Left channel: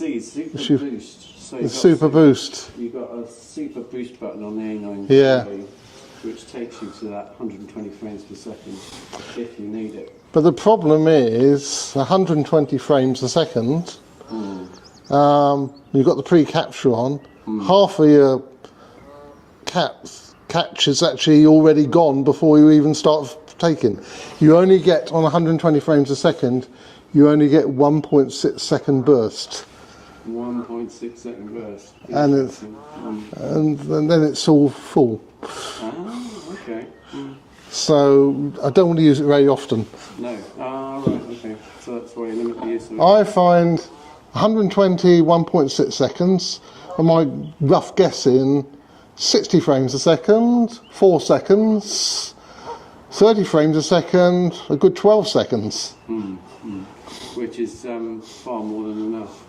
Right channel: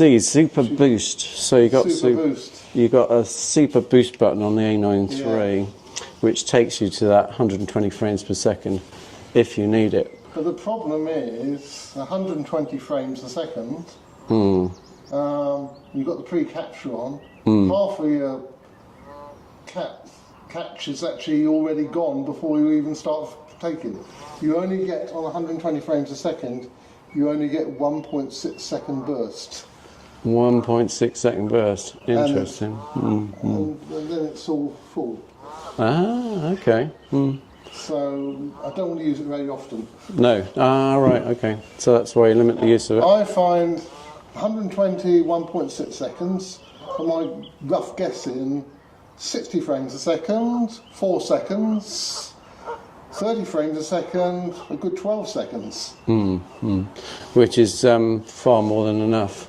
A9iii, super boost. So you got super boost. You got a super boost button on the A9iii, Yeah. which takes you to that 120 frames per second if you need it. But the problem is 120 frames a second. You've got the pre-capture on. Half of your catch is actually already gone before you even start taking. You only get, on 120 frames a second, you only get 1.6 second burst. 1.6 second burst. Interesting. And then it's all full. Ah, okay. So I don't want to use it very often. No. Ah, right, okay. So that's why you limit the use of it. I find 120, 1.6 seconds, and my rough guessing, 60 frames a second, 4 seconds, 30 frames a second, a good 12 seconds. Which is far more than enough.